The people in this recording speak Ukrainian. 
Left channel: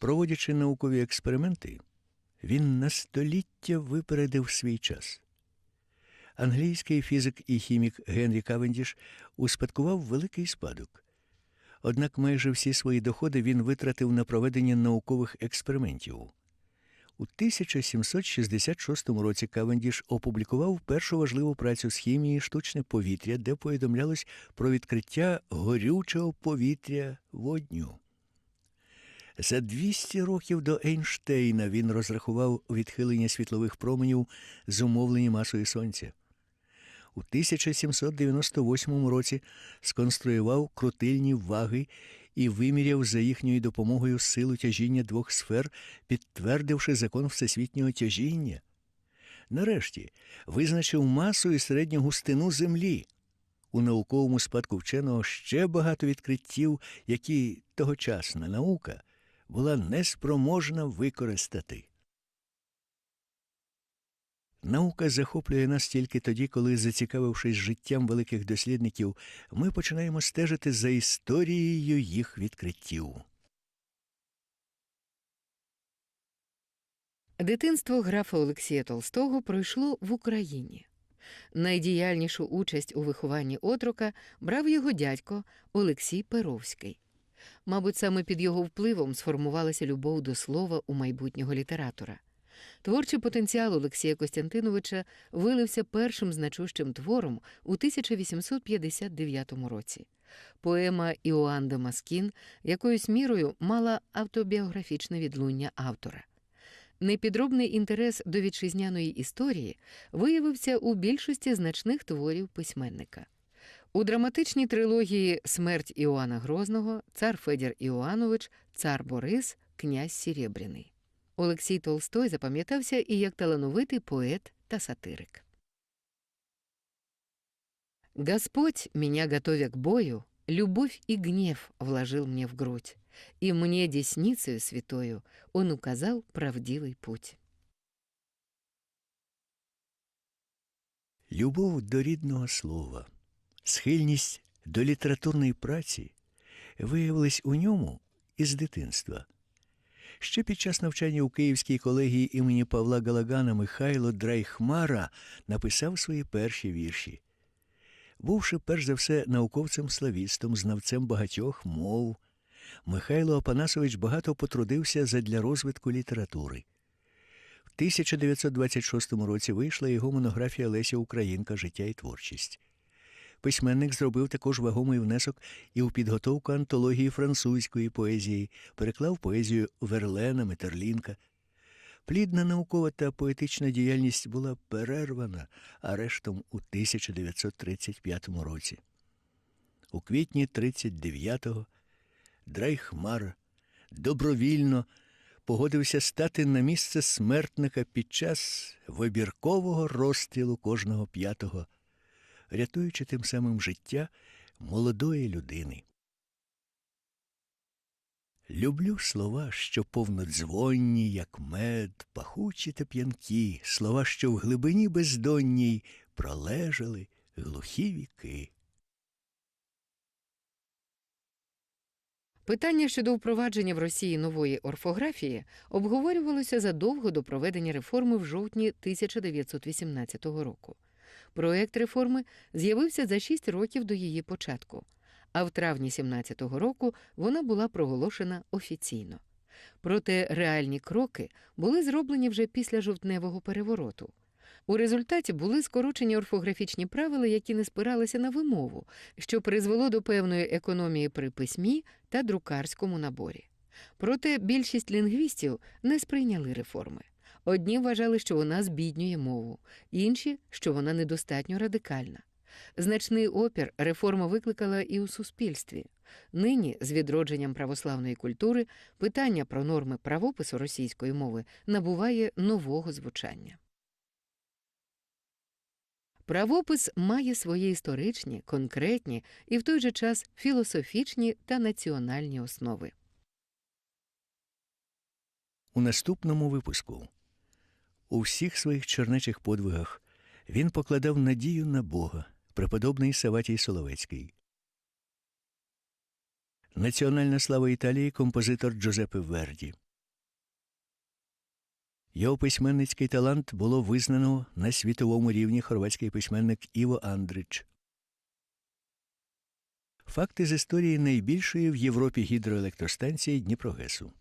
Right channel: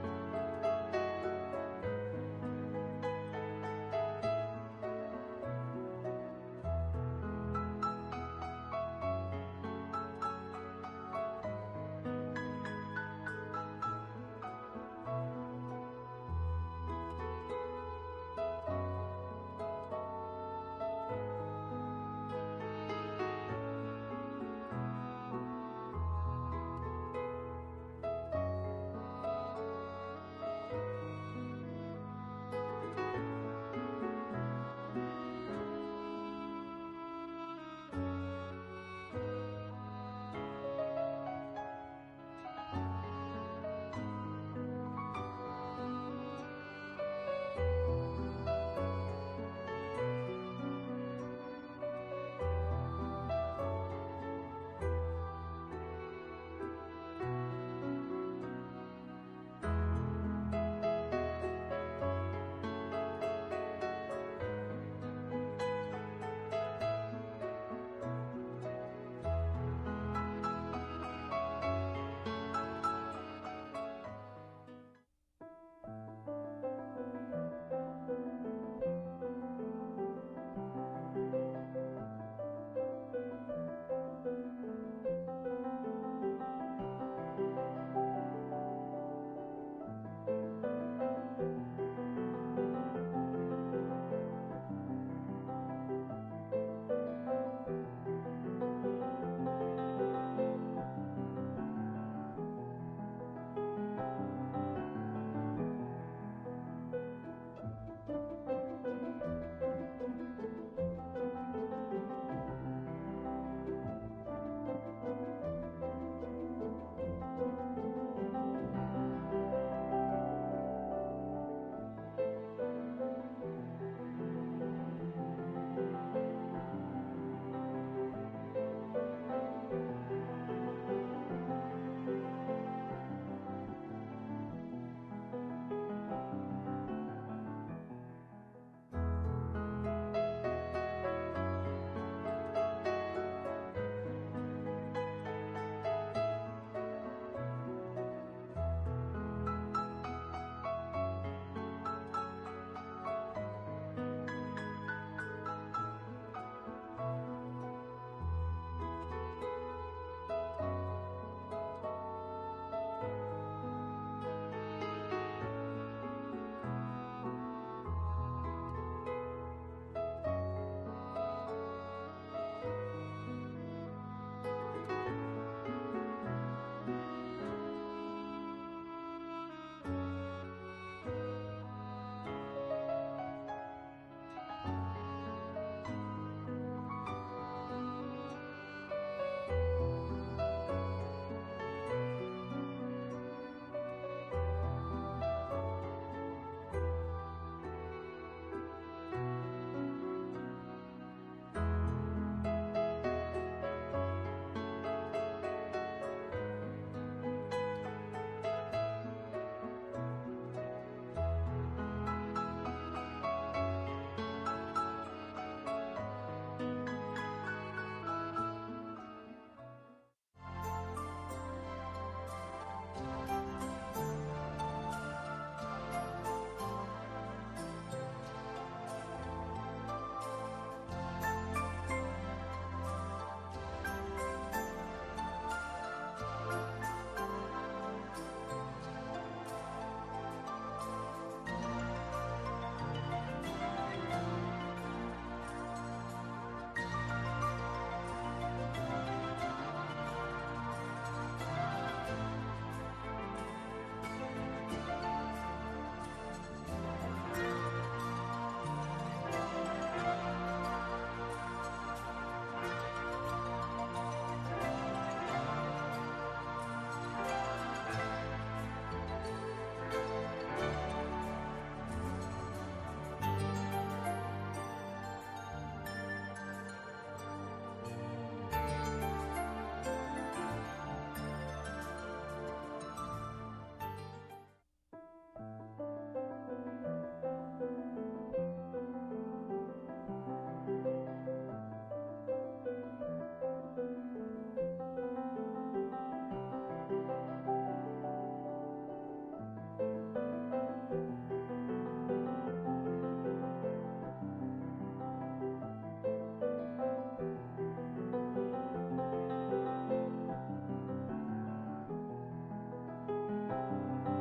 Проводячи наукові експерименти, він на століття випередив свій час. Англійський фізик і хімік Генрі Кавендіш успадкував великий спадок. Однак майже всі свої доходи він витратив на проведення наукових експериментів. У 1766 році Кавендіш опублікував першу важливу працю з хімії штучне повітря, де повідомлялось про відкриття горючого повітря водню. За 200 років до Ейнштейна він розрахував відхилення світлових променів, зумовлені масою сонця. У 1798 році сконструював крутильні ваги і виміряв за їхньою допомогою силу тяжіння двох сфер, підтвердивши закон всесвітнього тяжіння. Нарешті визначив масу і середню густину Землі. У науковому спадку вченого ще багато відкриттів, які тогочасна наука була неспроможна використати. Наука захоплює нас тільки тоді, коли, зацікавившись життям великих дослідників, ми починаємо стежити за історією їх відкриттів. Дитинство графа Олексія Толстого пройшло в Україні. Найдіяльнішу участь у вихованні отрока брав його дядько Олексій Перовський. Мабуть, саме під його впливом сформувалася любов до слова у майбутнього літератора. Творчий потенціал Олексія Костянтиновича вилився першим значущим твором у 1859 році. Поема Іоанн де Маскін якоюсь мірою мала автобіографічне відлуння автора. Непідробний інтерес до вітчизняної історії виявився у більшості значних творів письменника. У драматичній трилогії Смерть Іоанна Грозного, цар Федір Іоанович, цар Борис, князь Сірєбряний. Олексій Толстой запам'ятався і як талановитий поет та сатирик. Господь меня готовя к бою, любовь и гнев вложил мне в грудь, и мне десницею святою Он указал правдивый путь. Любов до рідного слова, схильність до літературної праці виявилась у ньому із дитинства. Ще під час навчання у Київській колегії імені Павла Галагана Михайло Драйхмара написав свої перші вірші. Бувши перш за все науковцем-славістом, знавцем багатьох мов, Михайло Апанасович багато потрудився задля розвитку літератури. В 1926 році вийшла його монографія Леся Українка Життя і творчість. Письменник зробив також вагомий внесок і у підготовку антології французької поезії, переклав поезію Верлена, Метерлінка. Плідна наукова та поетична діяльність була перервана арештом у 1935 році. У квітні 39-го Дрейхмар добровільно погодився стати на місце смертника під час вибіркового розстрілу кожного п'ятого, рятуючи тим самим життя молодої людини. Люблю слова, що повнодзвонні, як мед, пахучі та п'янкі, слова, що в глибині бездонній пролежали глухі віки. Питання щодо впровадження в Росії нової орфографії обговорювалося задовго до проведення реформи в жовтні 1918 року. Проект реформи з'явився за шість років до її початку, а в травні 17-го року вона була проголошена офіційно. Проте реальні кроки були зроблені вже після жовтневого перевороту. У результаті були скорочені орфографічні правила, які не спиралися на вимову, що призвело до певної економії при письмі та друкарському наборі. Проте більшість лінгвістів не сприйняли реформу. Одні вважали, що вона збіднює мову, інші, що вона недостатньо радикальна. Значний опір реформа викликала і у суспільстві. Нині, з відродженням православної культури, питання про норми правопису російської мови набуває нового звучання. Правопис має свої історичні, конкретні і в той же час філософічні та національні основи. У наступному випуску у всіх своїх чернечих подвигах він покладав надію на Бога, преподобний Саватій Соловецький. Національна слава Італії композитор Джозепе Верді. Його письменницький талант було визнано на світовому рівні хорватський письменник Іво Андрич. Факти з історії найбільшої в Європі гідроелектростанції Дніпрогесу.